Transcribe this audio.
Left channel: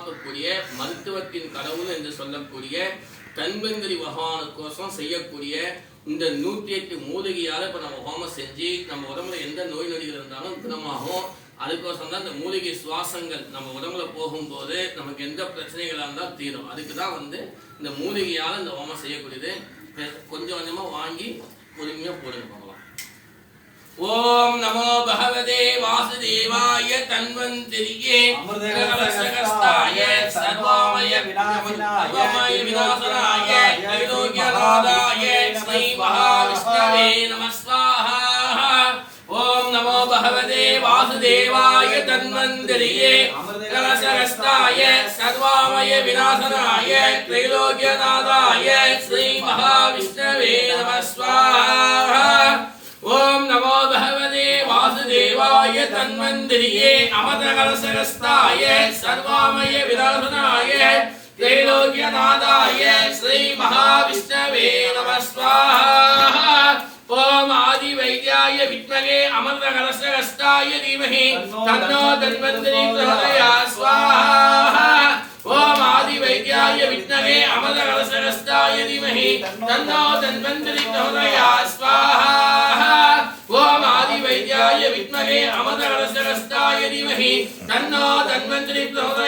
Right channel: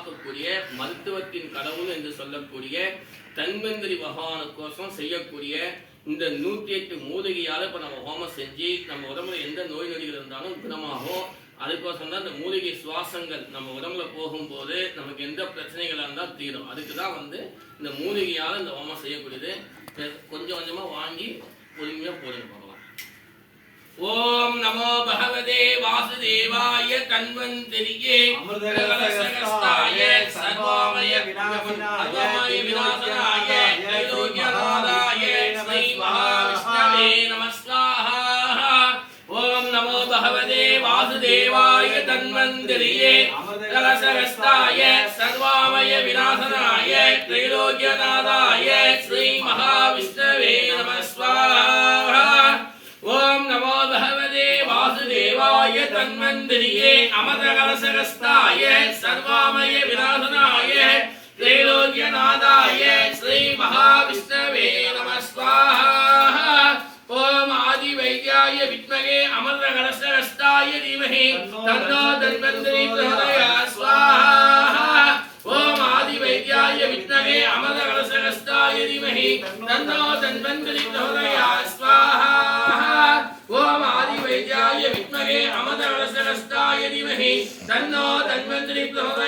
காப்பாற்றக்கூடிய மருத்துவத்தின் கடவுள் என்று சொல்லக்கூடிய தன்வந்திரி பகவானுக்கோசம் செய்யக்கூடிய இந்த 108 மூலிகையால் இப்போ நம்ம ஹோமம் செஞ்சு நம்ம உடம்புல எந்த நோய் நொடிகள் இருந்தாலும் குணமாகும். அதுக்கோசம் தான் இந்த மூலிகை சுவாசங்கள் நம்ம உடம்புல போகும்போது நமக்கு எந்த பிரச்சனைகளாக இருந்தால் தீரும். அதுக்கு தான் இந்த மூலிகையால் இந்த ஹோமம் செய்யக்கூடியது. கொஞ்சம் கொஞ்சமாக வாங்கி பொறுமையாக போடுங்க பார்க்கலாம். ஓம் நமோ பகவதே வாசுதேவாய தன்வந்திரியே அமிர்தகலசகஸ்தாய சர்வமய விநாசனாய தைலோக்யநாதாய ஸ்ரீ மகாவிஷ்ணவே நமः ஸ்வாஹா. ஓம் நமோ பகவதே வாசுதேவாய தன்வந்திரியே அமிர்தகலசகஸ்தாய சர்வமய விநாசனாய தைலோக்யநாதாய ஸ்ரீ மகாவிஷ்ணவே நமः ஸ்வாஹா. ஓம் நமோ பகவதே வாசுதேவாய தன்வந்திரியே அமிர்தகலசகஸ்தாய சர்வமய விநாசனாய த்ரைலோக்யநாதாய ஸ்ரீ மகாவிஷ்ணவே நமः ஸ்வாஹா. ஓம் ஆதி வைத்யாய வித்மகே அமிர்தகலசகஸ்தாய தீமஹி தன்னோ தன்வந்திரி பிரச்சோதயாத் ஸ்வாஹா. ஓம் ஆதி வைத்யாய வித்மகே அமிர்தகலசகஸ்தாய தீமஹி தன்னோ தன்வந்திரி பிரச்சோதயாத் ஸ்வாஹா. ஓம் ஆதி வைத்யாய வித்மகே அமிர்தகலசகஸ்தாய தீமஹி தன்னோ தன்வந்திரி பிரச்சோதயாத்